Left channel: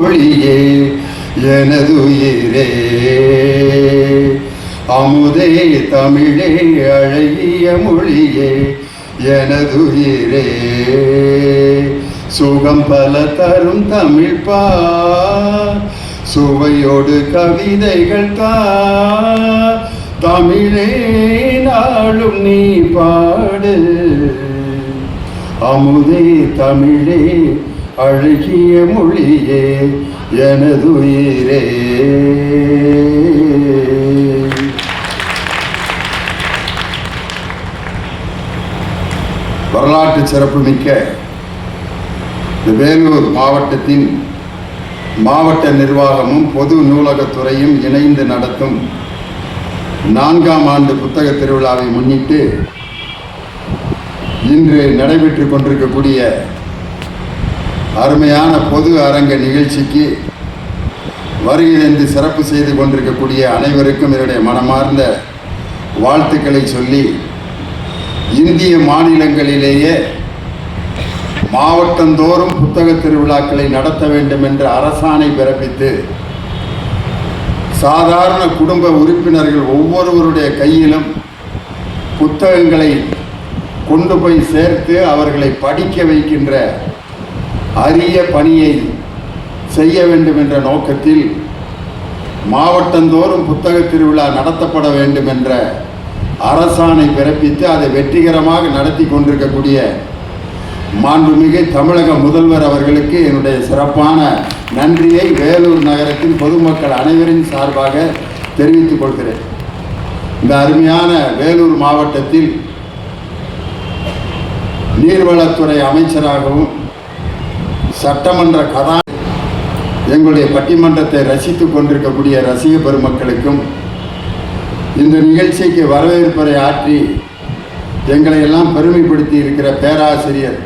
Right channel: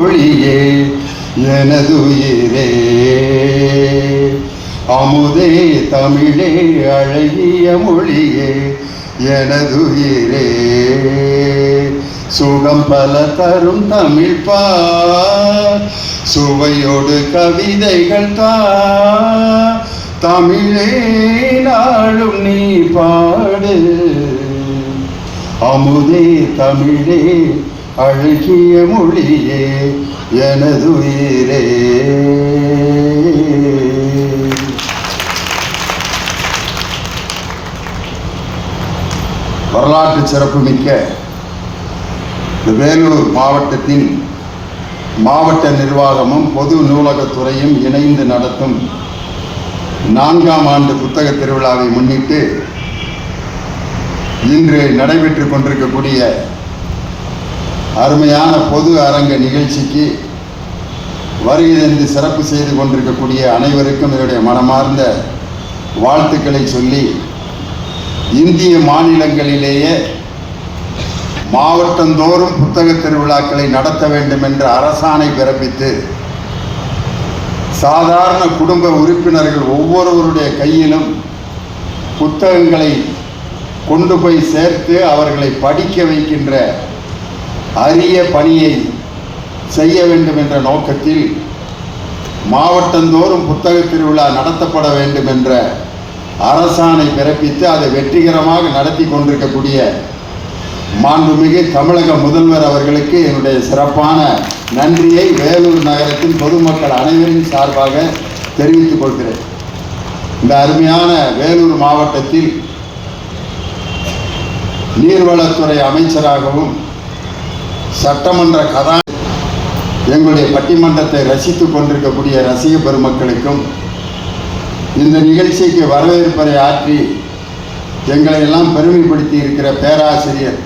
மொழியே எனதுயிரே அமுதே தமிழே அழகிய மொழியே எனதுயிரே சுகம் பல தரும் தமிழ் பா சுவையோடு கவிதைகள் தா தமிழே நாளும் நீ பாடு அமுதே தமிழே அழகிய மொழியே எனதுயிரே. வரலாற்று சிறப்புமிக்க வேலூர் மாவட்டத்தின் மாவட்ட நிர்வாகமும் பொது நூலகத்துறையும் இணைந்து நடத்தும் 4ஆம் ஆண்டு புத்தக திருவிழாவை முன்னிட்டு இன்று நடைபெற்றுக் கொண்டிருக்கக்கூடிய அருமையான பொது அரங்க நிகழ்ச்சிக்கு வருகை தந்து சிறப்பு செய்து கொண்டிருக்கக்கூடிய அனைவருக்கும் என்னுடைய மனமார்ந்த வாழ்த்துக்களை சொல்லி, இந்திய மாநிலங்களிலேயே மாவட்டந்தோறும் புத்தக திருவிழாக்களை நடத்த வேண்டும் என்று அரசாணை பிறப்பித்து சாதாரண குடும்ப உறுப்பினர்கள் ஒவ்வொருவருடைய கையிலும் புத்தகங்களை கொண்டு போய் சேர்த்து அவர்களை படிக்க வைக்கின்ற அரிய பணியை செய்ய வேண்டும் என்ற நோக்கத்தில் மாவட்டந்தோறும் புத்தக திருவிழா நடத்தப்பட வேண்டும் என்ற அரசாணை பிறப்பித்து அதை வெற்றிகரமாக நடத்தி கொண்டிருக்கக்கூடிய மாண்புமிகு தமிழக முதல்வர் அவர்களுக்கு என்னுடைய சிறப்பான நன்றியை வேலூர் நகரத்தின் பொதுமக்கள் அனைவரின் சார்பாக தெரிவித்துக் கொள்கிறேன். இந்த அருமையான வேலூர் மாவட்டத்தில் நீர்வளத்துறை அமைச்சராகவும் சட்டமன்ற எங்களுடைய பட்டிமன்றத்தை ரசித்துக் கொண்டிருக்கக்கூடிய ரசிக பெருமக்களுக்கும் இந்த நிகழ்ச்சிக்கு வரவேற்புரை ஆற்றி எங்களை எல்லாம் பெருமைப்படுத்தி இருக்கிற பேராசிரியர்,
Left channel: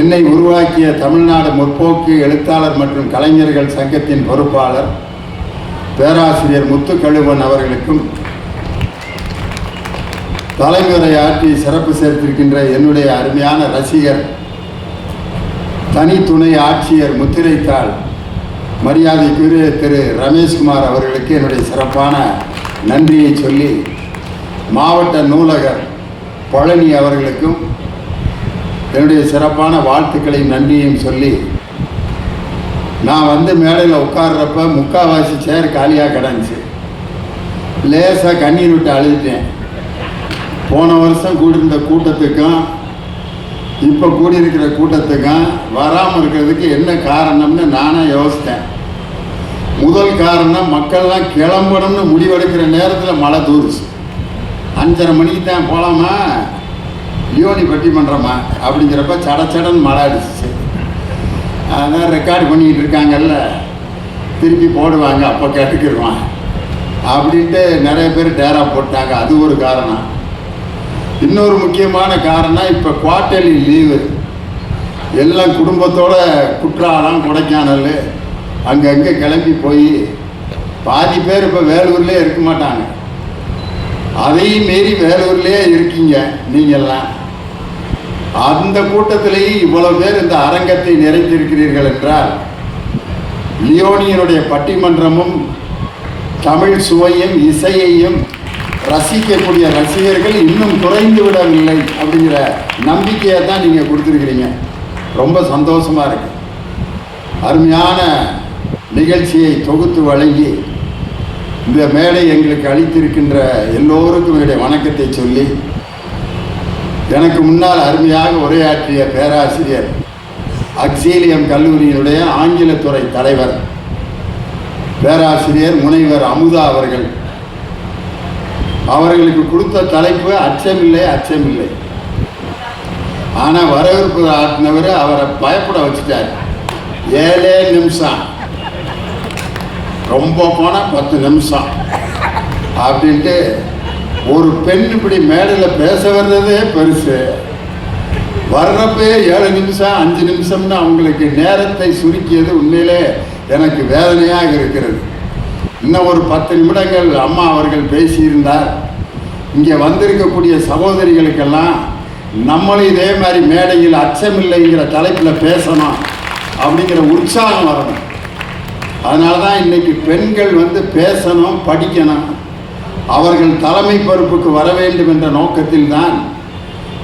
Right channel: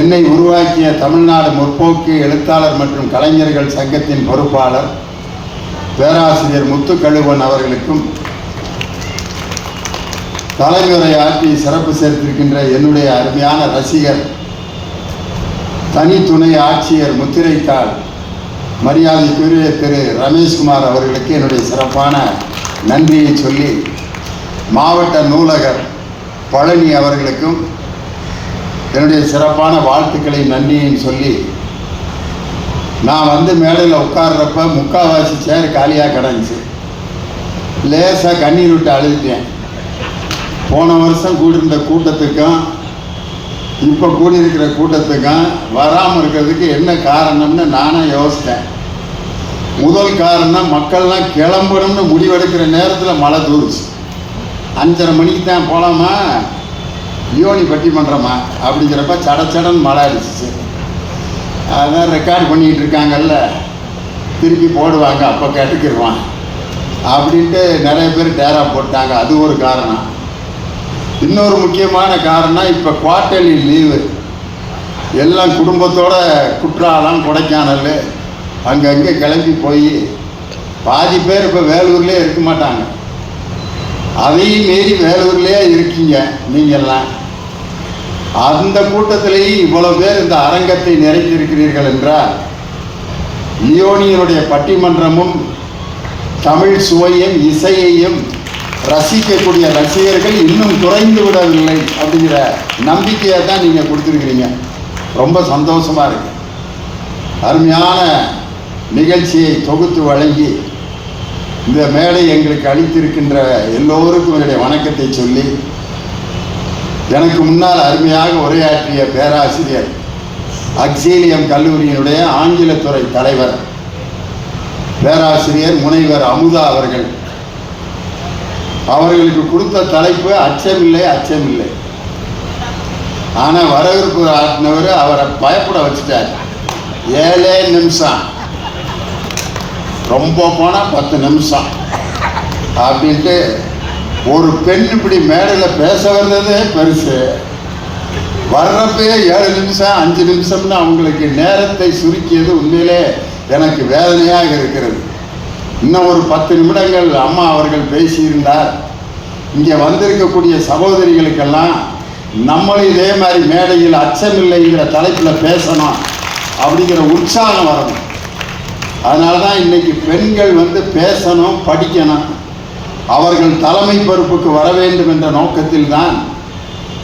என்னை உருவாக்கிய தமிழ்நாடு முற்போக்கு எழுத்தாளர் மற்றும் கலைஞர்கள் சங்கத்தின் பொறுப்பாளர் பேராசிரியர் முத்துக்கழுவன் அவர்களுக்கும், தலைமுறை ஆற்றி சிறப்பு சேர்த்திருக்கின்ற என்னுடைய அருமையான ரசிகர் தனித்துணை ஆட்சியர் முத்திரைத்தாள் மரியாதைக்குரிய திரு ரமேஷ்குமார் அவர்களுக்கு என்னுடைய சிறப்பான நன்றியை சொல்லி, மாவட்ட நூலகர் பழனி அவர்களுக்கும் என்னுடைய சிறப்பான வாழ்த்துக்களையும் நன்றியையும் சொல்லி, நான் வந்து மேடையில் உட்கார்றப்ப முக்கால்வாசி சேர் காலியாக கிடந்துச்சு. லேசாக கண்ணீர் விட்டு அழுதுட்டேன். போன வருஷம் கூடியிருந்த கூட்டத்துக்கும் இப்போ கூடியிருக்கிற கூட்டத்துக்கும் வராமல் இருக்கிறதுக்கு என்ன காரணம்னு நானே யோசித்தேன். முதல் காரணம், மக்கள்லாம் கிளம்பணும்னு முடிவெடுக்கிற நேரத்தில் மழை தூருச்சு. 5:30 மணிக்கு தான் போகலாமா, யோனி பட்டிமன்றமா அப்படிங்கிறப்ப சடச்சடன் மழை அடிச்சிச்சு. அதான் ரெக்கார்டு பண்ணிக்கிட்டு இருக்காங்கல்ல, திருப்பி போடுவாங்க, அப்போ கேட்டுக்கிடுவான் அப்படின்ட்டு நிறைய பேர் டேரா போட்டாங்க. அது ஒரு காரணம். இன்னொரு முக்கியமான காரணம், இப்போ குவார்டர்லி லீவு, எல்லாம் குடும்பத்தோட குற்றாலம் கொடைக்கானல் அங்கங்கே கிளம்பி போய் பாதி பேர் இப்போ வேலூர்லேயே இருக்க மாட்டாங்க. அதையும் மீறி வேலூர்லேயே இருக்கீங்க நீங்கள்லாம். அந்த கூட்டத்திலேயும் இவ்வளோ பேர் இந்த அரங்கத்தை நிறைந்திருக்கிறீர்கள் என்றால், லியோனியினுடைய பட்டிமன்றமும் தமிழ் சுவையும் இசையையும் ரசிக்கக்கூடிய ரசிகர்கள் இன்னும் குறைந்து விடவில்லை அப்படிங்கிற நம்பிக்கையை தான் நீங்கள் கொடுத்துருக்கிறீங்க. ரொம்ப சந்தோஷமாக இருக்கு. அருமையான நிகழ்ச்சியை தொகுத்து வழங்கி இந்த மேடை எங்களுக்கு அளித்திருக்கின்ற எல்லோருக்கும் என்னுடைய வணக்கத்தை சொல்லி, எனக்கு முன்னால் அருமையாக உரையாற்றிய பேராசிரியர், அக்ஸீலியம் கல்லூரியினுடைய ஆங்கிலத்துறை தலைவர் பேராசிரியர் முனைவர் அமுதா அவர்களுக்கு கொடுத்த தலைப்பு அச்சமில்லை அச்சமில்லை. ஆனால் வரவேற்பு ஆட்டினவர் அவரை பயப்பட வச்சுட்டார். 7 நிமிஷம், ரொம்ப போனால் 10 நிமிஷம் அப்படின்ட்டு ஒரு பெண் இப்படி மேடையில் பேச வந்ததே பெருசு. வர்றப்பே 7 நிமிஷம் 5 நிமிஷம்னு அவங்களுக்கு நேரத்தை சுருக்கியது உண்மையிலே எனக்கு வேதனையாக இருக்கிறது. இன்னும் ஒரு 10 நிமிடங்கள் அம்மா அவர்கள் பேசியிருந்தார், இங்கே வந்திருக்கக்கூடிய சகோதரிகளுக்கெல்லாம் நம்மளும் இதே மாதிரி மேடையில் அச்சமில்லைங்கிற தலைப்பில் பேசணும் அப்படிங்கிற உற்சாகம் வரணும். அதனால தான் இன்னைக்கு பெண்கள் பேசணும், படிக்கணும், அவர்கள் தலைமை பொறுப்புக்கு வர வேண்டும் என்ற நோக்கத்தில் தான்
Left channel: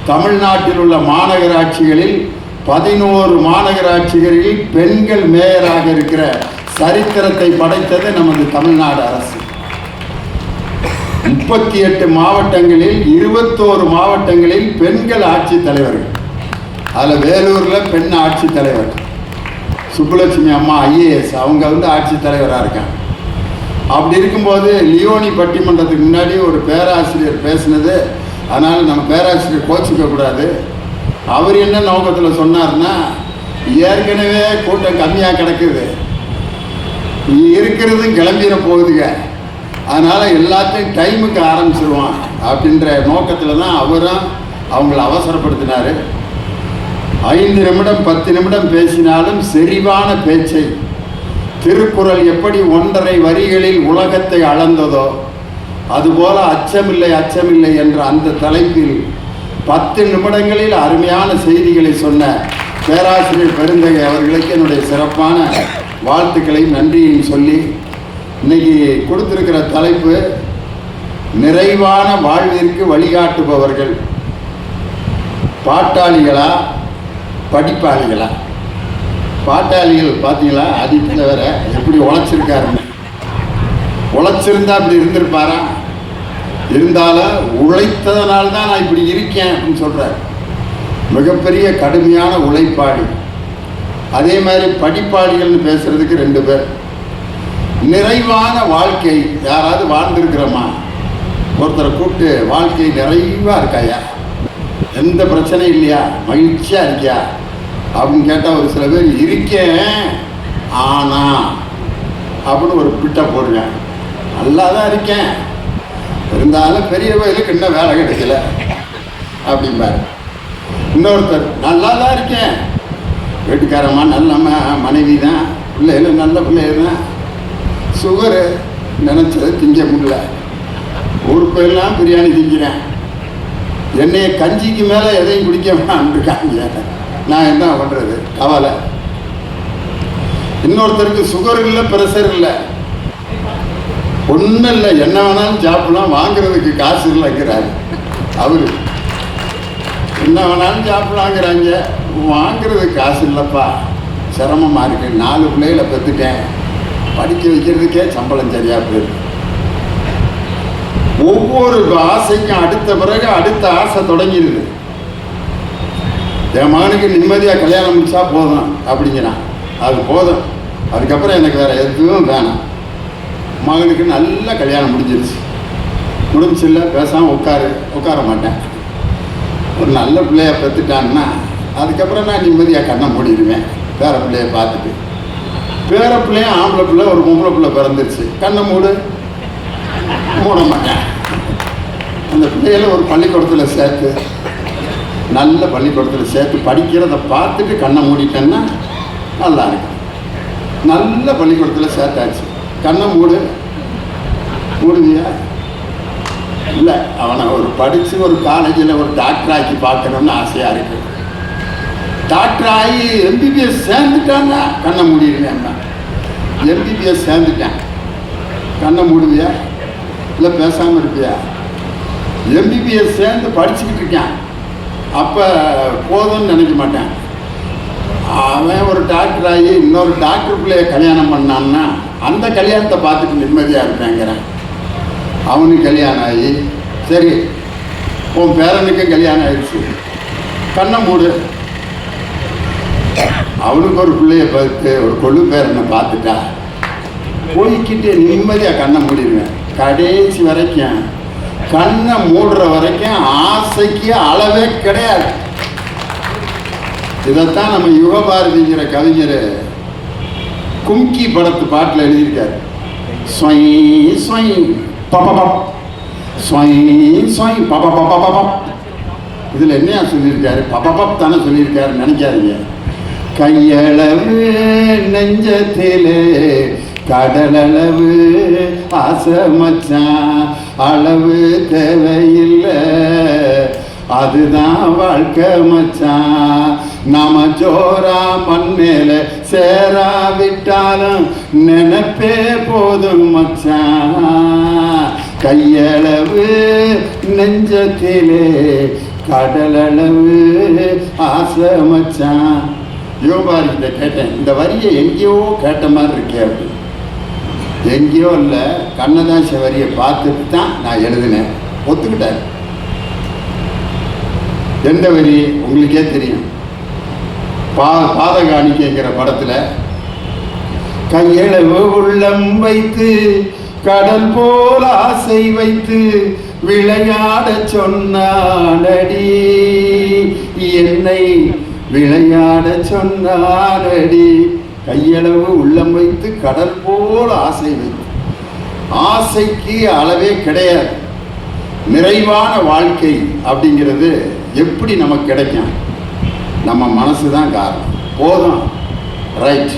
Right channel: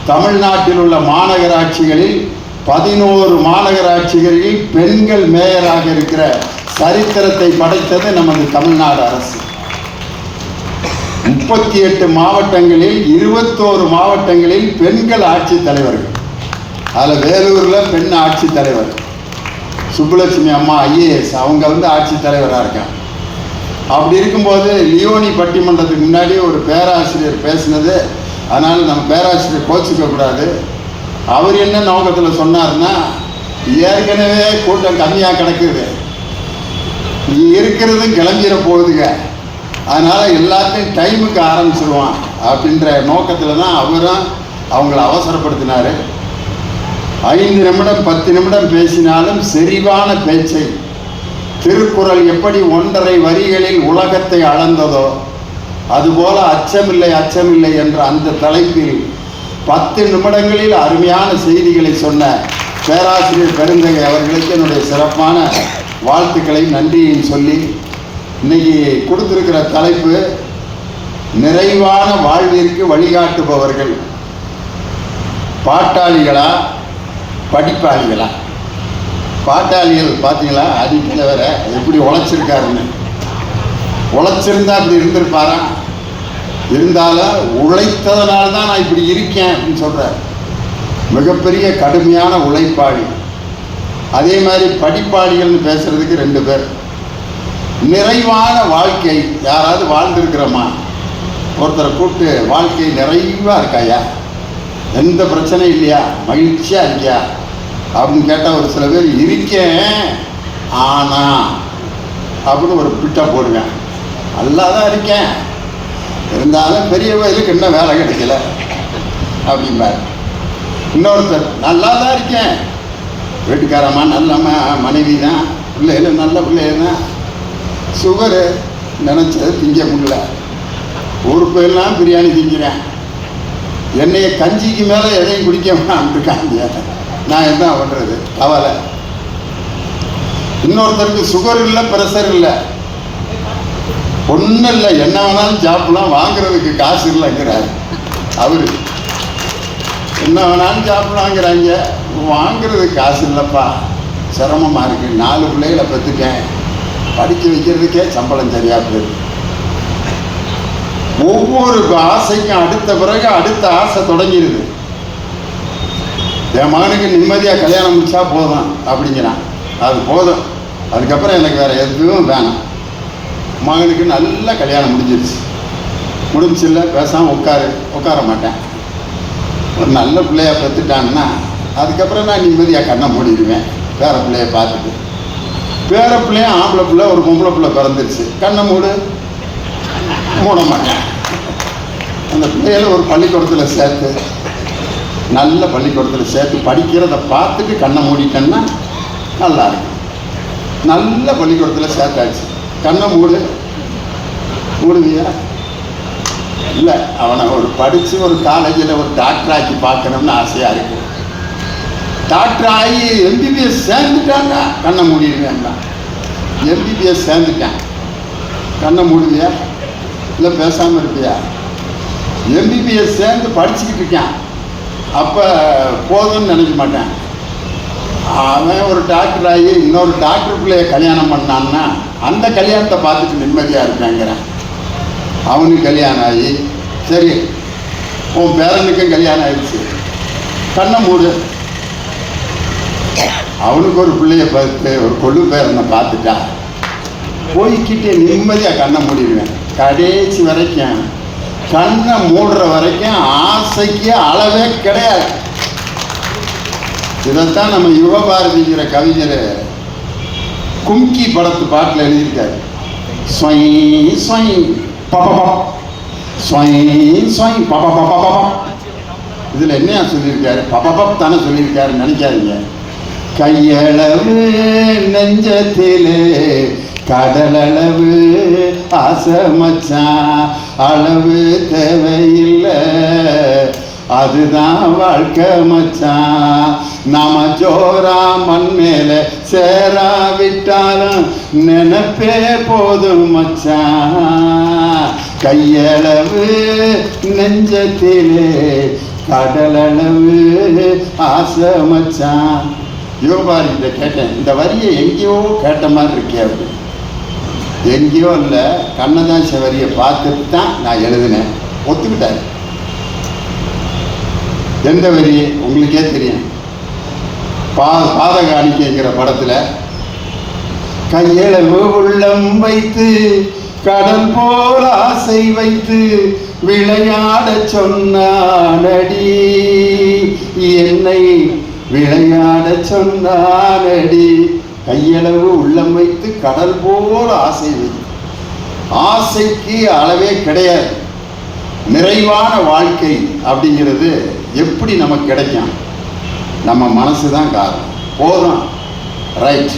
தமிழ்நாட்டில் உள்ள மாநகராட்சிகளில் 11 மாநகராட்சிகளில் பெண்கள் மேயராக இருக்கிற சரித்திரத்தை படைத்தது நமது தமிழ்நாடு அரசு. 38 மாவட்டங்களில் 21 மாவட்டங்களில் பெண்கள் ஆட்சித் தலைவர்கள். அதில் வேலூரில் பெண் ஆட்சித் தலைவர் சுப்புலட்சுமி அம்மா IAS, அவங்க ஆட்சித் தலைவராக இருக்காங்க. அப்படி இருக்கும்போது லியோனி பட்டிமன்றத்துக்கு முன்னாடி ஒரு பேராசிரியர் பேசினது, அதனால் நம்ம பேராசிரியர் கோச்சிக்க கூடாது. அவர் என்ன நோக்கத்தில் சொன்னார்னா, ஏற்கனவே கூட்டம் கம்மியாக கிடக்குது, இருக்கிறது கிளம்பிட போகுதுங்க, அதனால் எல்லாத்தையும் டைமுக்கு ஆரம்பிச்சிடுவான் அப்படின்ற நோக்கத்தில் தான் அவரும் அவங்கள அவசரப்படுத்தினார். 5 நிமிடம் 10 நிமிடம் பேசினாலும் செறிவான பேச்சை, திருக்குறள் எப்படி 1.5 வரிகளில் உலகத்தை அளந்ததோ அதுபோல அச்சமில்லை அச்சமில்லை என்ற அந்த தலைப்பில் 10 நிமிடங்களில் அருமையான செய்திகளை சொன்ன பேராசிரியர் பெருந்தகை அவர்களுக்கு என்னுடைய சிறப்பான வாழ்த்துக்களையும் நன்றியையும் சொல்லி, இன்னைக்கு கொடுத்திருக்கிற தலைப்பு நிறைவான வாழ்விற்கு வழிகாட்டுபவர்கள். பாட்டாளிகளா படிப்பாளிகளா? பாட்டாளிகள் பார்த்தீங்களா, ஆதித்தலைவரை எப்படி உழைச்சிருக்காருன்னு. உழைச்சிருந்தா இப்படி இருந்திருப்பாரா? இருந்தாலும் உழைத்ததனால தான் நான் இப்படி இருக்கேன் அப்படின்னு சொல்கிறார். மிகப்பெரிய கடுமையான உழைப்பாளி. அதே மாதிரி படிப்பாளிகள்னு பேசுறதுக்கு 2 பேர். நிறைவான வாழ்க்கை யாராவது வாழ்ந்துருக்கிறோமா? ஒருத்தரை கூப்பிட்டு வாழ்க்கை நிறைவாக இருக்காயா, எந்த பிரச்சனையும் இல்லையா, மகிழ்ச்சியாக இருக்கியா அப்படின்னு கேட்டால் ஒரு சில பேர் இருக்கேன் ஆனா அப்படின்னு ஒரு பிட்டை போடுவேன். நல்லா தான் இருக்கேன், இருந்தாலும் பெரிய வயலுக்கு இன்னும் வேலை கிடைக்கல அப்படிம்பார். இன்னொருத்தர் நல்லா தான் இருக்கேன், வீட்டுக்காரம்மா நல்ல மனைவி தான், பிள்ளைகள் நல்ல பிள்ளைகள் தான், சுகரு நினச்சது திங்க முடியல, ஊர் போயெல்லாம் பிரியாணி திங்கிறேன், என்னைய கஞ்சிக்கு மேலே எதையும் குடிக்க இருக்காங்க, நான் என்ன பண்ணுறது, கவலை. இன்னொருத்தருக்கு சுகர் இல்லை, ப்ரெஷர் இல்லை, ஒன்றும் இல்லை, என்ன வேணாலும் சாப்பிடலாம், வாங்குறதுக்கு காசு இல்லைங்கிறாரு அவரு. என்ன வேணாலும் சாப்பிடலாங்கிறாங்க, வாங்குறதுக்கு காசு இல்லைப்பா, சிரமமாக இருக்கு, 4 பிள்ளைகளை பெற்றுட்டேன், படிக்க வைக்கிறதுக்கே சம்பளம் சரியா போயிருக்கு. ஒவ்வொரு ஆசைக்கும் அடுத்த பிறகு அடுத்த ஆசை தொடங்கிடுது. என் மகனுக்கு நிம்மதியாக கல்யாணம் முடிச்சா போதும் அப்படிங்கிறான், அது போதும், அதுக்கப்புறம் எனக்கு வேற எதுவும் வேணாம். மகனுக்கு நல்லா கல்யாணம் முடிஞ்சிருச்சு இல்லை, பேசாமல் உட்கார மாட்டேன். ஒரு நல்ல பிள்ளைய பெற்றுட்டான்னா அதுக்கப்புறம் நான் நிம்மதியாக கண்ணை மூடிடுவேன். பேர பிள்ளைய பார்த்துட்டு, பேர பிள்ளைய ஆம்பளை பிள்ளை ஒரு பொம்பளை பிள்ளை பிறந்துருச்சு, கண்ணை மூட மாட்டேன். அந்த பிள்ளைகளை ஒரு பள்ளிக்கூடத்தில் சேர்த்து, நல்ல பள்ளிக்கூடத்தில் சேர்த்து படிக்கிறத பார்த்துட்டு கண்ணை மூடிட்டேன்னா நல்லா இருக்கும். நல்ல பள்ளிக்கூடத்தில் சேர்த்தாச்சு, கண்ணை மூடுவியா? இல்லை, அவனை ஒரு படித்து ஒரு காலேஜில் ஒரு டாக்டர் ஆக்கி பார்க்கணும்னு ஆசையாக இருக்கு. டாக்டர் ஆகி MBBS சேர்ந்துட்டான்னா கண்ணை மூடிடுவேன். MBBS சேர்ந்துட்டேன், கண்ணை மூடுவியா? இல்லை பேசாமல் இருப்பியா? MBBS சேர்ந்து படிச்சுக்கிட்டு இருக்கேன், அப்போ போதும்னு நினைக்க மாட்டேன். அவன் ஒரு டாக்டர் ஆகி இன்னொரு டாக்டர் பிள்ளைய கல்யாணம் பண்ணான்னா அந்த கல்யாணத்தை பார்த்துட்டு நிம்மதியாக இருப்பேங்கிறேன். அவனுக்கு கல்யாணம் ஆகி, சரி உன் பேரனுக்கும் கல்யாணம் ஆயிடுச்சு, கண்ணை மூடு. அவனுக்கு ஒரு பிள்ளைய பார்த்து ஒரு கொள்ளு பேரனை பார்த்துட்டா போய்கிட்டே நிம்மதியாக கண்ணை மூடிடுவேன். கடைசி வரைக்கும் கண்ணை மூடுற வரைக்கும் ஆசைக்கு அளவே கிடையாது. இதைத்தான் நம்ம யுகபாரதிங்கிற கவிஞர் கும்கி படத்து பாட்டில் எழுதியிருக்காரு. இதில் என்ன சொல்லியிருக்காரு? பப்பப் தானே சொல்லியிருக்காரு, நினைக்காதீங்க. கையளவு நெஞ்சத்திலே கடலளவு ஆசை மச்சான், அளவு தேவையில்லை, அதுதான் வாழ்க்கை மச்சான். நாம ஜோரா மண் மேல சேராவிட்டாலும் நினைப்பே போதும் மச்சான். கையளவு நெஞ்சத்திலே கடலளவு ஆசை மச்சான். யோபாரி இதை கேட்டேன், இந்த வரியை எங்கேயோ கேட்ட மாதிரி இருக்கே அப்படி. எங்கேயோ இல்லை, கண்ணதாச வரியை பார்த்துட்டு தான் நான் எழுதினேன். ஒத்துக்கிட்டார். எந்த வரி உங்களுக்கே தெரியும். பாதகாணிக்கைங்கிற படத்துல கையளவு உள்ளம் வைத்து கடல் போல் ஆசை வைத்து விளையாட சொன்னானடி, என்னை விளையாட சொன்னானடி. கையளவு உள்ளம் வைத்து கடல் போல் ஆசை வைத்து. ஆசைக்கு அளவே கிடையாது. நிறைவான வாழ்க்கை அப்படிங்கிறது எப்படி நமக்கு கிடைக்கும்? நம்ம மனசு தான் காரணம். போதும், ரைட்,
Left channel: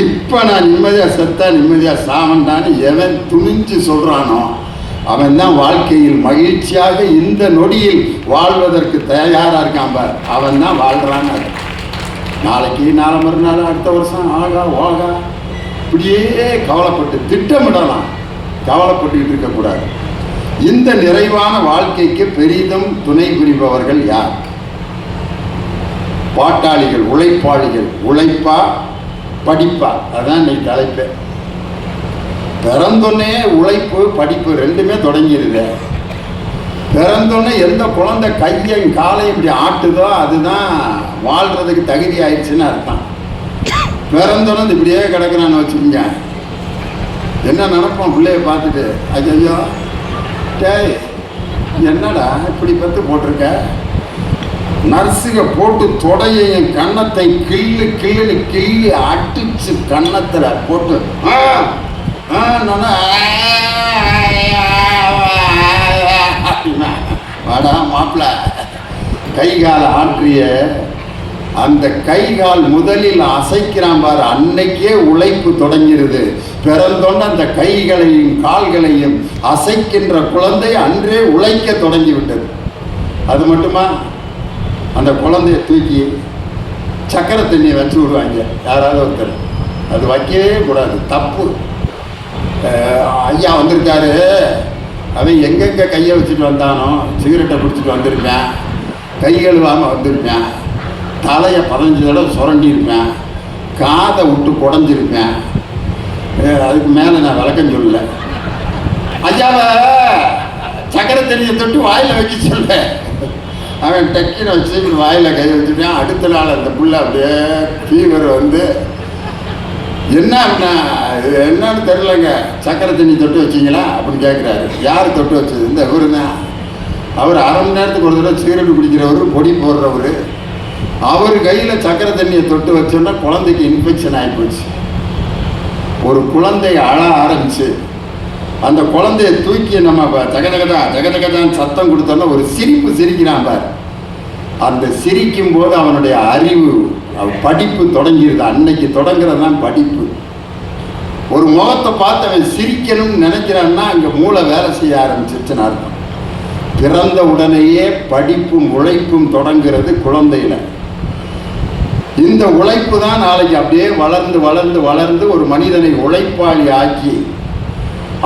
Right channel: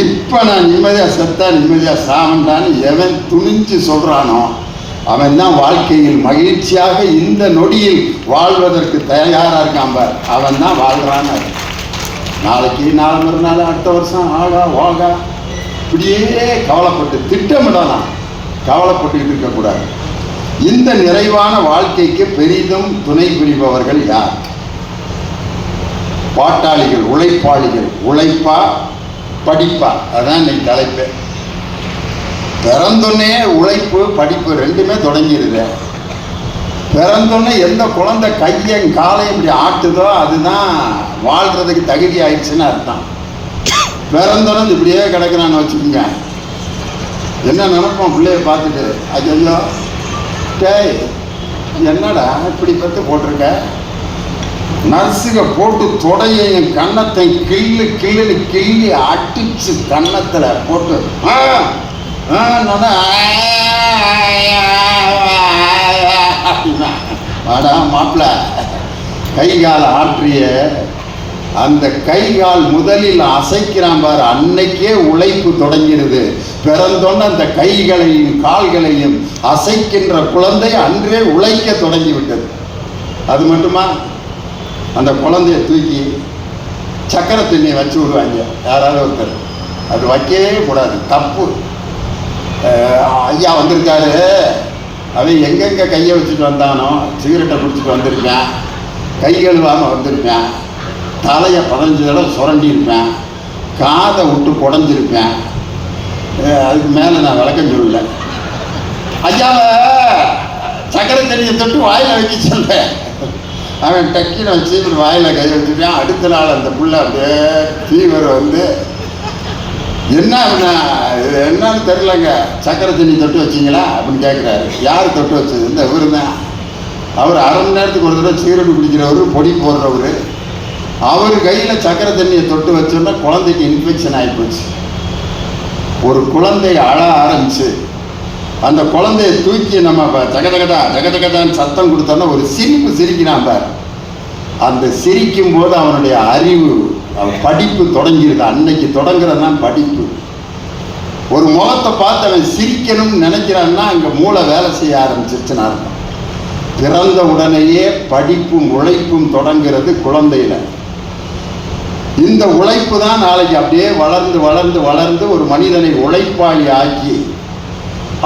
இப்போ நான் நிம்மதியாக செத்தா நிம்மதியாக சாவண்டான்னு எவன் துணிஞ்சு சொல்கிறானோ அவன் தான் வாழ்க்கையில் மகிழ்ச்சியாக இந்த நொடியில் வாழ்வதற்கு தயாராக இருக்கான் பார், அவன் தான் வாழ்கிறான்னு. நாளைக்கு நாளை மறுநாள் அடுத்த வருஷம் ஆகா ஓகா இப்படியே கவலைப்பட்டு திட்டமிடலாம். கவலைப்பட்டுக்கிட்டு இருக்கக்கூடாது. இந்த நிறைவான வாழ்க்கைக்கு பெரிதும் துணை புரிபவர்கள் யார்? பாட்டாளிகள், உழைப்பாளிகள். உழைப்பா படிப்பா? அதான் இன்னைக்கு தலைப்பு. பிறந்தொன்னே உழைப்பு படிப்பு ரெண்டுமே தொடங்கிடுது. பிறந்தொன்னே எந்த குழந்தை கையும் காலையும் இப்படி ஆட்டுதோ அதுதான் வாழ்றதுக்கு தகுதி ஆயிடுச்சுன்னு அர்த்தம். பிறந்தோன்னு இப்படியே கிடைக்கிறான்னு வச்சுக்கோங்க. என்ன நினைப்போம் பிள்ளைய பார்த்துட்டு, ஐயோ டேய் என்னடா இப்படி பத்து போட்டிருக்க, நர்ஸுக போட்டு தொடையையும் கன்னத்தை கிள்ளு கிள்ளுன்னு கிள்ளி அடிச்சு கன்னத்தில் போட்டு வாடா மாப்பிள்ள கை கால் ஆற்றிய அந்த கை கால் முதலில் அசைக்கிறான் பாரு, அன்னைக்கே உழைப்பு தொடங்கிடுது. பிறந்தோன்னு அந்த கைகளையும் கால்களையும் அசைக்கின்ற குழந்தை அன்றே உழைக்க தொடங்கி விட்டது. அது மட்டுமா, அந்த குழந்தைய தூக்கி சக்கரை தண்ணியை வச்சு விடுவாங்க யாராவது ஒருத்தர். அது வைக்கவே கூடாது, தப்பு. ஐயா வந்திருக்காரு, அவன் எங்கெங்கே கையை வச்சுட்டு வந்தானோ, சிகரெட்டை குடிச்சிட்டு வந்திருப்பேன், கை கழுவாமல் வந்திருப்பேன், தலையை 15 தடவை சுரண்டியிருப்பேன், காதை விட்டு குடஞ்சிருப்பேன். அதுக்கு மேலே நான் விளக்கம் சொல்லல. ஐயாவை சக்கரை தண்ணியை தொட்டு வாயில் வைக்க சொல்றேன். அவன் டக்கின்னு வச்சு வாயில் கை வச்சுட்டான். அடுத்த நாள் அந்த புள்ள அப்படியே ஃபீவர் வந்து என்னன்னு தெரியலங்க, சக்கரை தண்ணி தொட்டு வச்சிங்களா அப்படின்னு கேட்குறாரு. யார் தொட்டு வச்சது? இந்த இவரு தான். அவர் அரை மணி நேரத்துக்கு ஒரு தடவை சிகரெட்டு குடிக்கிறவர், பொடி போடுறவர். அவர் கையில் சக்கரை தண்ணியை தொட்டு வச்சோன்னா குழந்தைக்கு இன்ஃபெக்ஷன் ஆகிப்போச்சு. ஒரு குழந்தை அழ ஆரம்பிச்சு அந்த குழந்தைய தூக்கி நம்ம தகதகதான் சத்தம் கொடுத்தோன்னா ஒரு சிரிப்பு சிரிக்கிறான். அந்த சிரிக்கும் போது அவனுடைய அறிவு, படிப்பு தொடங்கிடுது. அன்னைக்கு தொடங்குறது தான் படிப்பு. ஒரு முகத்தை பார்த்து அவன் சிரிக்கணும்னு நினைக்கிறான்னா அங்கே மூளை வேலை செய்ய ஆரம்பிச்சிருச்சுன்னா பிறந்த உடனேயே படிப்பும் உழைப்பும் தொடங்கிறது குழந்தையில. இந்த உழைப்பு தான் நாளைக்கு அப்படியே வளர்ந்து வளர்ந்து வளர்ந்து ஒரு மனிதனை உழைப்பாளி ஆக்கி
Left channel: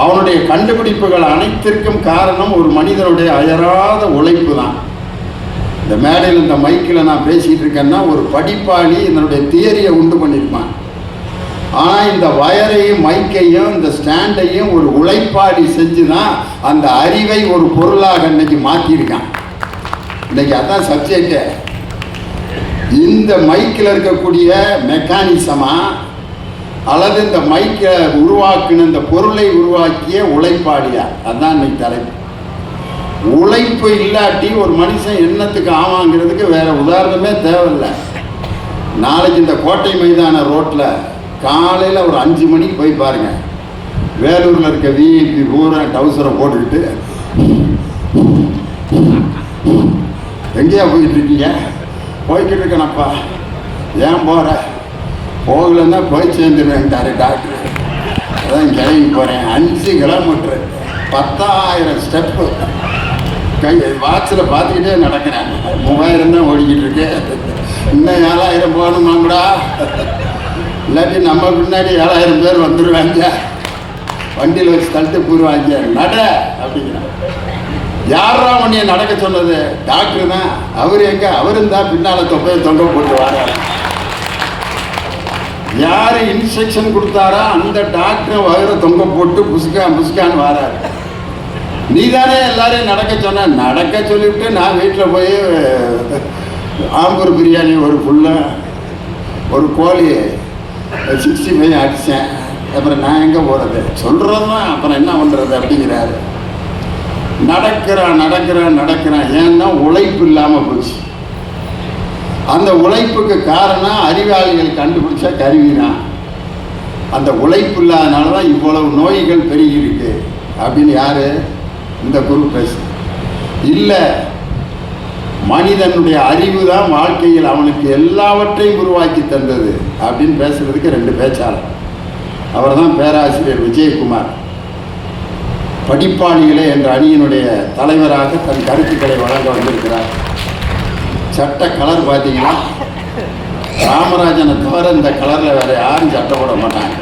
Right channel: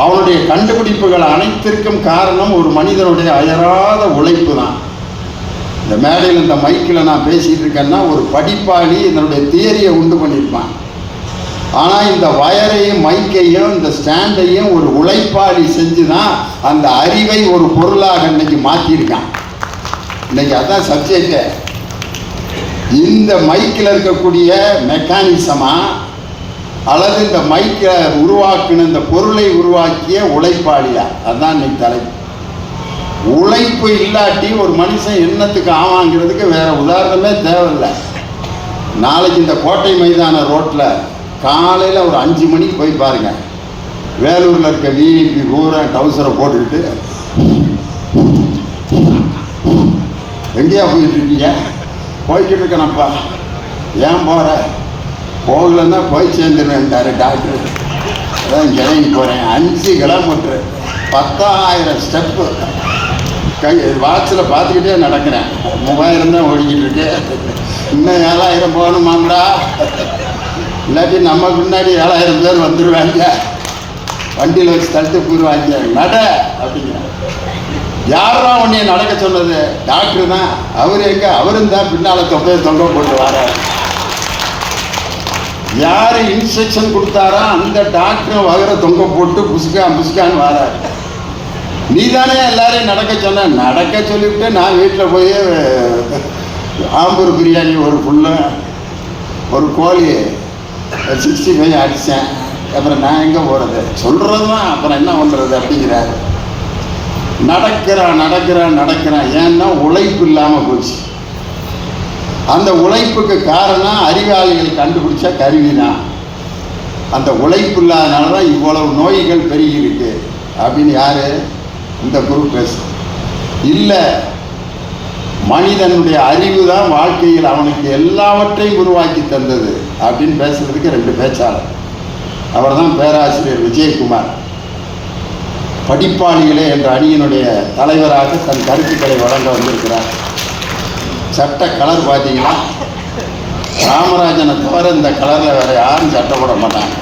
அவனுடைய கண்டுபிடிப்புகள் அனைத்திற்கும் காரணம் ஒரு மனிதனுடைய அயராத உழைப்பு தான். இந்த மேடையில் இந்த மைக்கில் நான் பேசிகிட்டு இருக்கேன்னா ஒரு படிப்பாளி என்னுடைய தியரியை உண்டு பண்ணியிருப்பான். ஆனால் இந்த வயரையும் மைக்கையும் இந்த ஸ்டாண்டையும் ஒரு உழைப்பாளி செஞ்சு தான் அந்த அறிவை ஒரு பொருளாக இன்னைக்கு மாற்றிருக்கான். இன்னைக்கு அதான் சப்ஜெக்டு. இந்த மைக்கில் இருக்கக்கூடிய மெக்கானிசமா அல்லது இந்த மைக்கை உருவாக்கின இந்த பொருளை உருவாக்கிய உழைப்பாளியா? அதுதான் இன்னைக்கு தலைப்பு. உழைப்பு இல்லாட்டி ஒரு மனுஷன் என்னத்துக்கு ஆவாங்கிறதுக்கு வேற உதாரணமே தேவையில்லை. நாளைக்கு இந்த கோட்டை மைதான ரோட்டில் காலையில் ஒரு 5 மணிக்கு போய் பாருங்க. வேலூரில் இருக்க விஐபி பூரா டவுசரை போட்டுக்கிட்டு எங்கேயா போயிட்டு இருக்கீங்க? போய்கிட்டு இருக்கேனப்பா. ஏன் போகிற? போகலன்னா போய் சேர்ந்துருவேன்ட்டாரு டாக்டர். அதான் கிளம்பி போகிறேன். 5 கிலோமீட்டரு 10,000 ஸ்டெப்பு. வாட்சில் பார்த்துக்கிட்டே நடக்கிறேன். 3000 தான் ஓடிக்கிட்டு இருக்கு. இன்னும் 7000 போகணுமாங்கடா. இல்லாட்டி நம்ம முன்னாடி 7000 பேர் வந்துடுவாங்க, வண்டியில் வச்சு தள்ளிட்டு போயிடுவாங்க. நட அப்படிங்கிற யாரா உன்னைய நடக்க சொன்னது? டாக்டர் தான். அவர் எங்க? அவரும் தான் பின்னால் தொங்க போட்டு வராரு. யார் இன்ஸ்ட்ரக்ஷன் கொடுத்தாரா அந்த டாக்டர் அவரை தொங்க போட்டு புசுக்கான்னு வராரு. நீ தானே எல்லாரையும் நடக்க சொன்ன. நடக்க சொல்லிவிட்டு நான் வீட்டில் போய் ஆம்பூர் பிரியாணி ஒரு ஃபுல்லு ஒரு கோழி 65 அடித்தேன். அப்புறம் நான் எங்கே போகிறது? சொல்கிறது தான், அப்புறம் என்ன பண்ணுறது அப்படிங்கிறாரு. நடக்கிறான். ஏன்னா உழைப்பு இல்லாமல் போச்சு. அந்த உழைப்புக்கு காரணம் அறிவாளிகள் கண்டுபிடிச்ச கருவி தான். அந்த உழைப்பு இல்லாதனால தான் இவ்வளவு நோய்கள் பெருகி இருக்கு அப்படின்னு யாரு இந்த குரு பேசு இல்லை. மனிதனுடைய அறிவு தான் வாழ்க்கையில் அவனுக்கு எல்லாவற்றையும் உருவாக்கி தந்தது அப்படின்னு பேசுறதுக்கு 2 பேச்சாளர். அவர் தான் பேராசிரியர் விஜயகுமார். படிப்பாளிகளே என்ற அணியினுடைய தலைவராக தன் கருத்துக்களை வழங்க வந்திருக்கிறார். சட்ட கலர் பார்த்தீங்கன்னா ராமராஜனை தவிர இந்த கலரில் வேற யாரும் சட்டை போட மாட்டாங்க.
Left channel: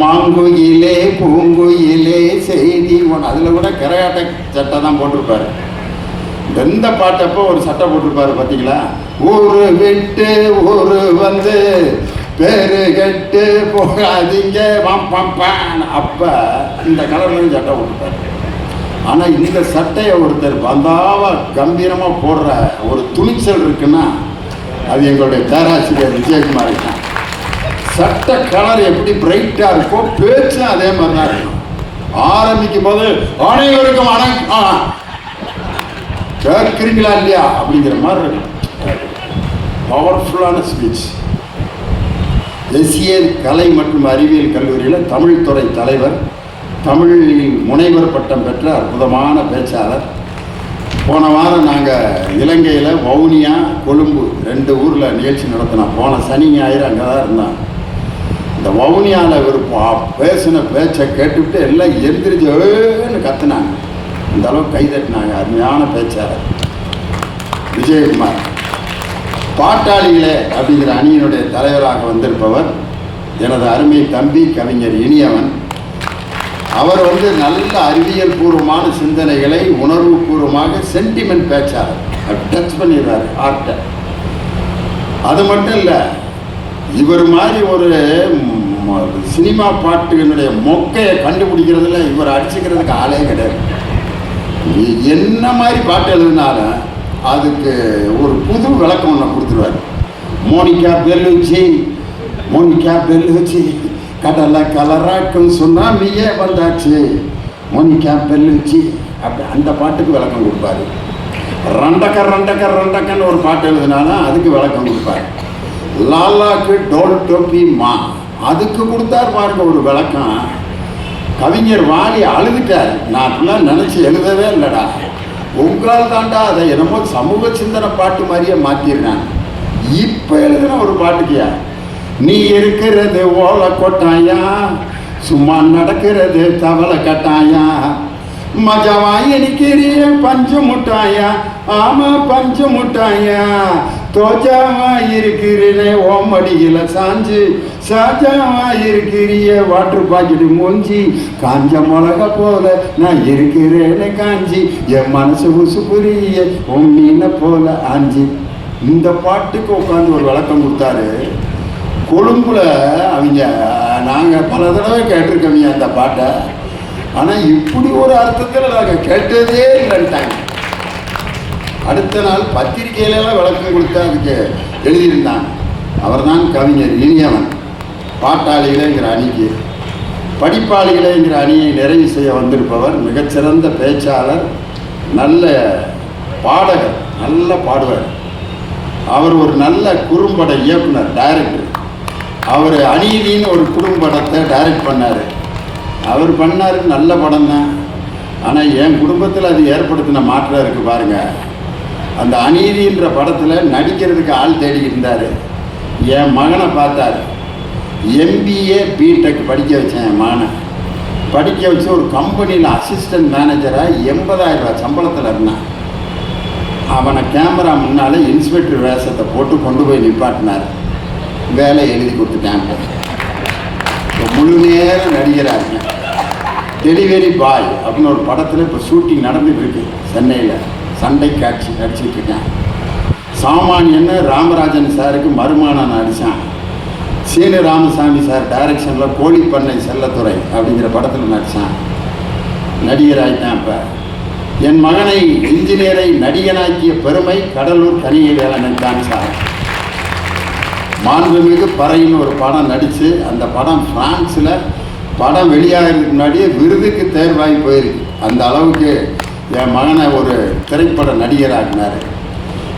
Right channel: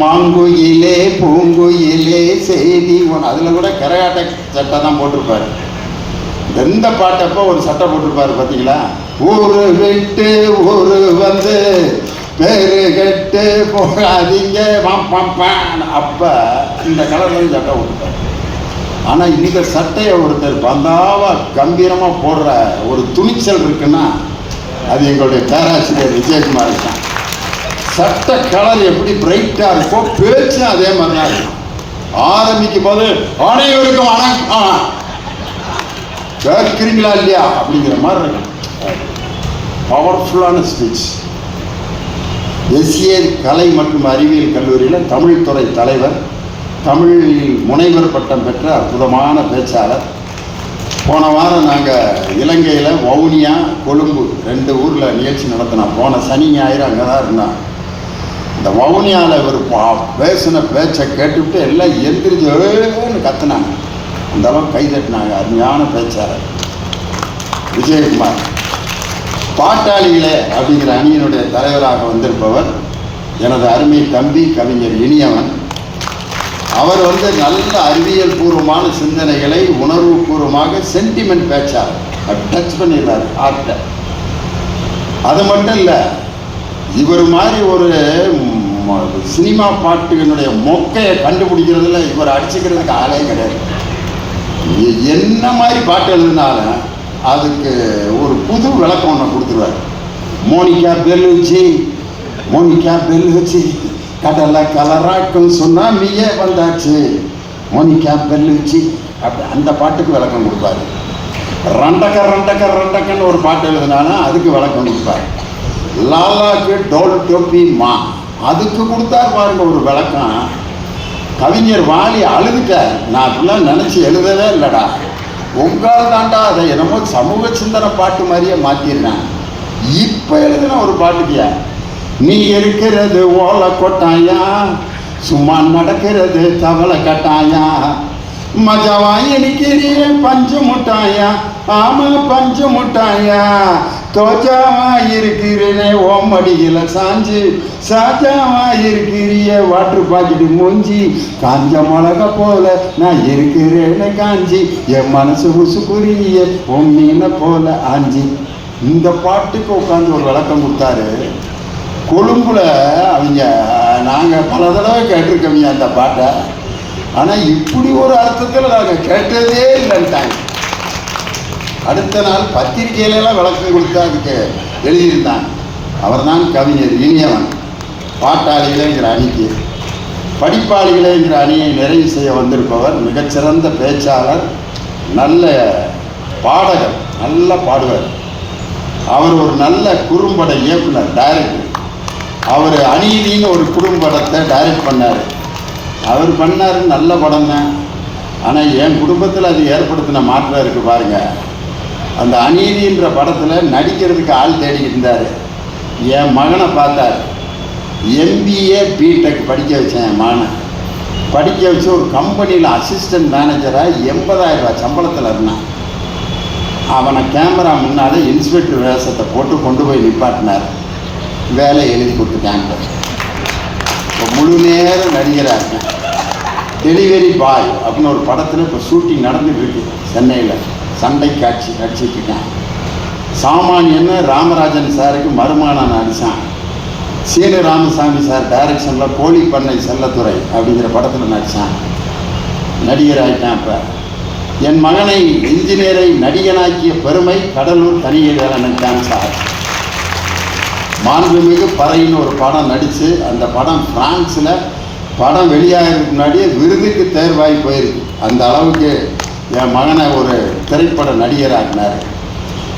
மாங்குயிலே பூங்குயிலே செய்தி, அதில் கூட கரகாட்ட சட்டை தான் போட்டிருப்பாரு. எந்த பாட்டப்போ ஒரு சட்டை போட்டிருப்பாரு பார்த்தீங்களா? ஊரு விட்டு ஊரு வந்து பேரு கட்டு போகாதீங்க அப்ப இந்த கலர்லையும் சட்டை போட்டுப்பாரு. ஆனால் இந்த சட்டையை ஒருத்தர் பந்தாவா கம்பீரமாக போடுற ஒரு துணிச்சல் இருக்குன்னா அது எங்களுடைய பேராசிரியர் விஜயகுமார் தான். சட்ட கலர் எப்படி பிரைட்டாக இருக்கோ பேச்சும் அதே மாதிரி தான் இருக்கும். ஆரம்பிக்கும் போது அனைவருக்கும் வணக்கம் கேட்குறீங்களா இல்லையா அப்படிங்கிற மாதிரி இருக்கும். பவர்ஃபுல்லான ஸ்பீச். எஸ்ஏ கலை மற்றும் அறிவியல் கல்லூரியில் தமிழ் துறை தலைவர், தமிழில் முனைவர் பட்டம் பெற்ற அற்புதமான பேச்சாளர். போன வாரம் நாங்கள் இலங்கையில் வவுனியா கொழும்பு 2 ஊரில் நிகழ்ச்சி நடத்தினோம். போன சனி ஞாயிறு அங்கே தான் இருந்தான். இந்த வவுனியாவில் இவர் பேசின பேச்சை கேட்டுவிட்டு எல்லாம் எந்திரிச்சுன்னு கத்துனாங்க. அந்த அளவுக்கு கைதட்டினாங்க. அருமையான பேச்சாளர் விஜயகுமார். பாட்டாளிகளே அப்படிங்கிற அணியினுடைய தலைவராக வந்திருப்பவர் எனது அருமை தம்பி கவிஞர் இனியவன். அவர் நல்ல அறிவியல் பூர்வமான சிந்தனைகளை உணர்வுபூர்வமாக சென்டிமெண்ட் பேச்சாளர் டச் பண்ணிடுறாரு ஆர்ட்டை. அது மட்டும் இல்லை, இவர் மாதிரி ஒரு சினிமா பாட்டினுடைய மொக்கையை கண்டுபிடிக்கிறதுல இவர் அடிச்சுக்கிறதுக்கு ஆளே கிடையாது. என்ன மாதிரி பாட்டு எழுதினாலும் அதுக்கு ஒரு புது விளக்கம் ஒன்று கொடுத்துருவார். மோனிகா பெல்லுச்சி கடலை கலராக்கும் சுனாமியே வந்தாச்சு, மோனிகா பெல்லுச்சி அப்படி அந்த பாட்டுக்கு விளக்கம் கொடுப்பாரு. ரண்டக்கன்னு ஒரு பாட்டு எழுதினாலும் அதுக்கு விளக்கம் கொடுப்பார். லாலாக்கு டோல் டோப்பி மா அதுக்கு கொடுத்தார் பாருங்க ஒரு விளக்கம். கவிஞர் வாலி அழுதுட்டார். நான் அப்படிலாம் நினச்சி எழுதவே இல்லைடா, உங்களால் தாண்டா அதை என்னமோ சமூக சிந்தனை பாட்டு மாதிரியே மாற்றிடுறேன். இப்போ எழுதுன ஒரு பாட்டுக்கியா, நீ இருக்கிறது ஓலை கொட்டாயா, சும்மா நடக்கிறது தவளை கட்டாயா, மஜாவாய் நிற்கிறீங்க பஞ்சு முட்டாயா, ஆமா பஞ்சு முட்டாயா, தோஜாவாயிருக்கிறே ஓமடியில் சாஞ்சு, சாஜாவாயிருக்கிறிய வாட்டர் பாக்கெட்டு மூஞ்சி, காஞ்ச மிளக போல நான் இருக்கிறேன்னு காஞ்சி, என் மனசு உசுக்குரிய உன் மீனை போல ஆஞ்சி. இந்த பாட்டுக்கு உட்காந்து ஒரு விளக்கம் கொடுத்தாரு. கொழும்புல அவங்க நாங்கள் பல தடவை கேட்டிருக்கோங்க அந்த பாட்டை, ஆனால் இப்படி ஒரு அர்த்தத்தில் நாங்கள் கேட்டதே இல்லைன்ட்டாங்க. அடுத்த நாள் பத்திரிகையிலலாம் விளக்கம் கொடுத்தா அதுக்கு எழுதியிருந்தாங்க. அவர் தான் கவிஞர் இனியவன். பாட்டாளிகளேங்கிற அணிக்கு படிப்பாளிகளேங்கிற அணியை நிறைவு செய்ய வந்திருப்பவர் மிகச்சிறந்த பேச்சாளர், நல்ல பாடகர், நல்ல பாடுவார். அவர் ஒரு நல்ல குறும்பட இயக்குனர், டைரக்டர். அவர் அநீதின்னு ஒரு குறும்படத்தை டைரக்ட் பண்ணார். அவர் பண்ணார் நல்ல படம் தான். ஆனால் என் குடும்பத்தில் அது ஏற்படுத்தின மாற்றம் இருக்குது பாருங்கள். அந்த அநீதின்ற படத்தில் நடிக்கிறதுக்கு ஆள் தேடிக்கிட்டு இருந்தார். என் மகனை பார்த்தார். MBA BTech படிக்க வச்சேன். என் மகனை படிக்க வச்சு ஒரு கம்பெனியில் அசிஸ்டன்ட் மேனேஜராக 80,000 ரூபாய் சம்பளத்தில் இருந்தான். அவனை கேமரா முன்னால் இன்ஸ்பெக்டர் வேஷத்தை போட்டு கொண்டு போய் நிப்பாட்டினார். வேலை எழுதி கொடுத்துட்டாங்க. இப்போ முழு நேர நடிகராக டெலிவரி பாய் அப்படின்னு ஒரு படத்தில் இப்போ ஷூட்டிங் நடந்துட்டு இருக்கு சென்னையில். சண்டை காட்சி நடிச்சிட்டு இருக்கேன். சாமானியன்னு ராமராஜன் சாருக்கு மருமானம் நடித்தான். சீனு ராமசாமி சார் டைரக்ஷனில் கோழிப்பண்ணை செல்லத்துறை அப்படிங்கிற படத்தில் நடித்தான். நடிகர் ஆகிட்டான். இப்போ என் மகனை இன்ஜினியரை நடிகனாக்கிய பெருமை கடலூர் தனியவேலன் தான் சார். மாண்புமிகு பறையின்னு ஒரு படம் நடித்து அந்த படம் பிரான்ஸில் படம் வெளியாகிறதுக்கு முன்னாடியே விருதுக்கு தேர்வாகி போயிருக்கு. அந்த அளவுக்கு என் மகனை ஒரு திரைப்பட நடிகராகினார்.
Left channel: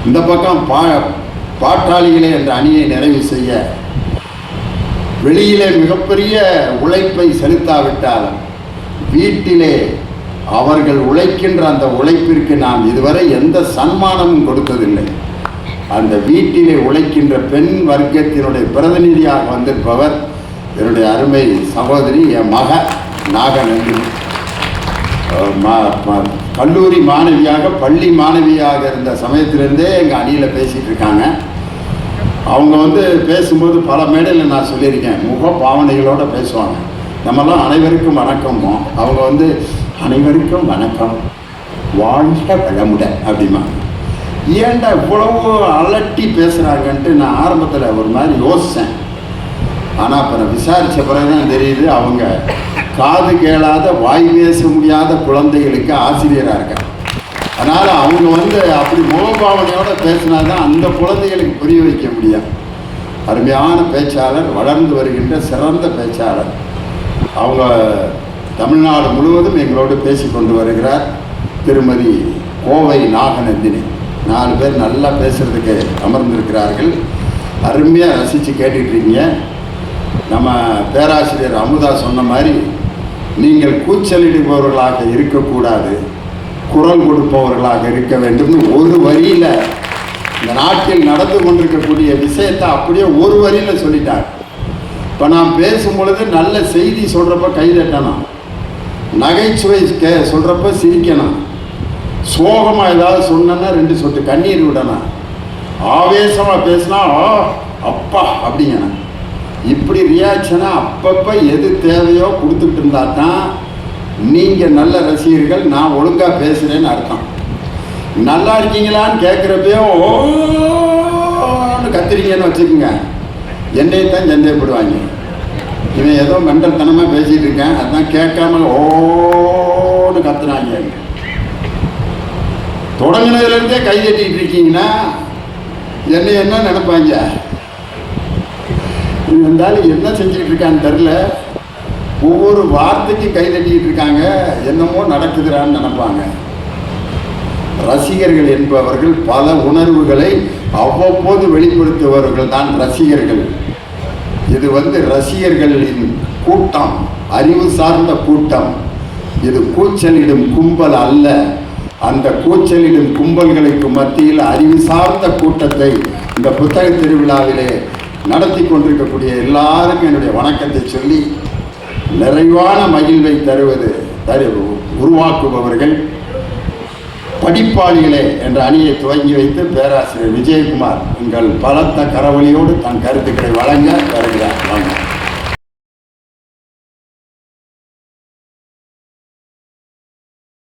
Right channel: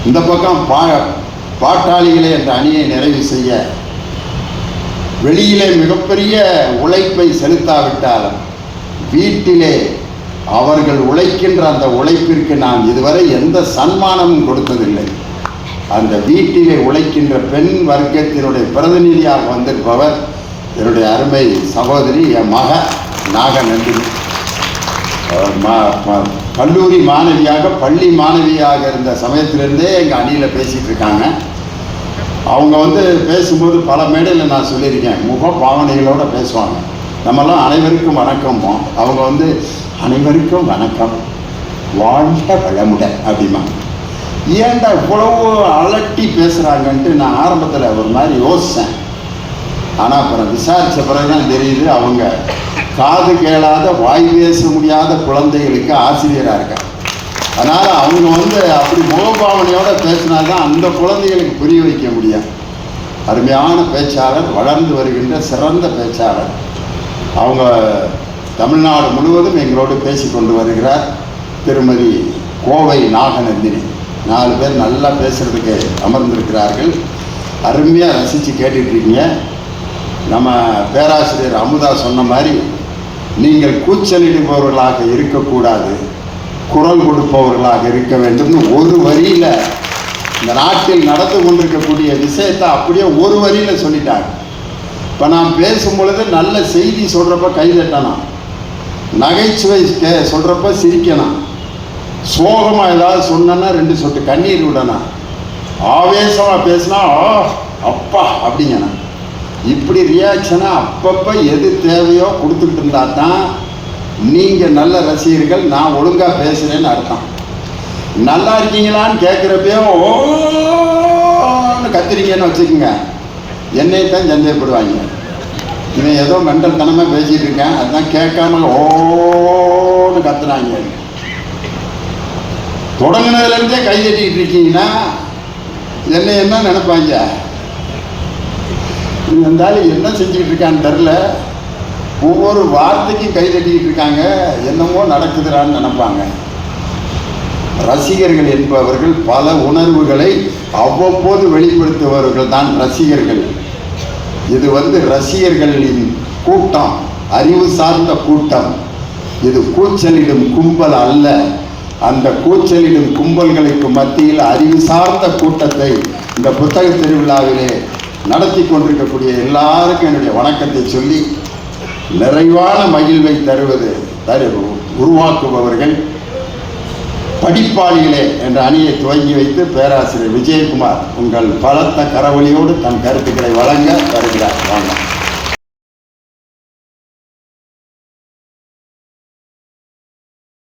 இந்த பக்கம் பாட்டாளிகளே என்ற அணியை நிறைவு செய்ய வெளியிலே மிகப்பெரிய உழைப்பை செலுத்தாவிட்டாலும் வீட்டிலே அவர்கள் உழைக்கின்ற அந்த உழைப்பிற்கு நாம் இதுவரை எந்த சன்மானமும் கொடுத்ததில்லை. அந்த வீட்டிலே உழைக்கின்ற பெண் வர்க்கத்தினுடைய பிரதிநிதியாக வந்திருப்பவர் என்னுடைய அருமை சகோதரி என் மக நாகநந்தினி. கல்லூரி மாணவியாக பள்ளி மாணவியாக இருந்த சமயத்திலிருந்தே எங்கள் அணியில் பேசிகிட்டு இருக்காங்க. அவங்க பேசும்போது பல மேடையில் நான் சொல்லியிருக்கேன், முக பாவனைகளோடு பேசுவாங்க. நம்மெல்லாம் அனைவருக்கும் வணக்கமோ, அவங்க அனைவருக்கும் வணக்கம், வாழ்க வளமுடன் அப்படிமா. ஏன்டா இவ்வளவு அலட்டி பேசுகிறாங்கன்ட்டு நான் ஆரம்பத்தில் ஒரு மாதிரி யோசித்தேன். ஆனால் அப்புறம் விசாரித்த பிறகுதான் தெரியுது, அவங்க காது கேளாத வாய் பேச முடியாத குழந்தைகளுக்கு ஆசிரியராக இருக்காங்க. அதனால் அவங்க அப்படி முகபாவனையோடு பேசினாதான் அந்த குழந்தைகளுக்கு புரிய வைக்க முடியும். அருமையான பேச்சாளர், வளர்ந்து வருகின்ற சிறந்த பேச்சாளர். அவங்க தமிழ்நாடு முழுவதும் எங்களோடு பேசி கொண்டு வருகிறார். திருமதி கோவை நாகநந்தினி. 4 பேர் நல்லா பேசுகிறதுக்கு அமர்ந்திருக்கிறார்கள். அருமையாக ரசித்து கேட்டுட்ருக்கீங்க. நம்ம பேராசிரியர் அமுதா சொன்ன மாதிரி நீங்கள் கூச்சலிடுபவர்களாக இருக்கக்கூடாது, குரல் கொடுப்பவர்களாக இருக்க வேண்டும்னு ஒரு வரியில் இந்த நாட்டில் நடந்து கொண்டிருக்கக்கூடிய விஷயத்தை அப்படியே ஒரு வரியில் சொல்லிட்டாங்க. இப்போ நான் பேசும் பொழுது நல்ல செய்தி சொல்கிறப்ப கைதட்டணும், நகைச்சுவை சொல்கிறப்ப சிரிக்கணும், சோகமாக ஏதாவது சொன்னா 2 சொட்டு கண்ணீர் விடணும், ஆவேசமாக பேசினா அப்பா அப்படிங்கண்ணா. இப்படி ரியாக்ஷனாக அப்பப்போ எது தேவையோ கொடுத்துட்டு இருந்தா தான் நீங்கள் நல்ல ரசிகர்கள், நான் ஒழுங்காக பேசுகிறேன்னு அர்த்தம். நல்லா இருக்கீங்களான்னு கேட்குறப்பையோ ஓன்னு கத்துறீங்கன்னு வச்சுக்கோங்க, என்னைத்தான் சந்தேகப்படுவாங்க. இவன் ஏதோ மெண்டல்தனமாக பேசிகிட்டு இருக்கேன், அதுதான் கேட்காம ஓன்னு கத்துறாங்க. தொடங்கினதுலேருந்தே கை தட்டிக்கிட்டு இருக்கீங்கன்னா என்ன நினைப்பாங்க, இருந்தாலும் என்ன செஞ்சுக்கிட்டு இருக்கான்னு தெரில, ஒவ்வொரு வார்த்தைக்கு கை தட்டிக்கிட்டு இருக்காங்க, என்னமோ நடக்குதுறான்னு நினைப்பாங்க. ரசிகர்கள் என்பவர்கள் பல உணர்வுகளை அவ்வப்போது வெளிப்படுத்துபவர்கள் தான் ரசிகர்கள். இது ரசிகர்களின் கூட்டம், அறிவு சார்ந்த கூட்டம். இது கூச்சலிடும் கும்பல் அல்ல. அந்த கூச்சலிடும் கும்பல்களுக்கு மத்தியில் அறிவு சார்ந்த கூட்டத்தை இந்த புத்தக திருவிழாவிலே நடத்தி கொண்டிருக்கக்கூடிய எல்லாருக்கும் என்னுடைய வணக்கத்தை சொல்லி, நிறைவான மகிழ்வை உருவாக்குபவர்கள் படிப்பாளிகளே என்ற அணியை துவங்கி வைத்து பேராசிரியர் விஜயகுமார் உங்கள் பலத்த கரவொலியோடு தன் கருத்துக்களை வழங்க வருகிறார்.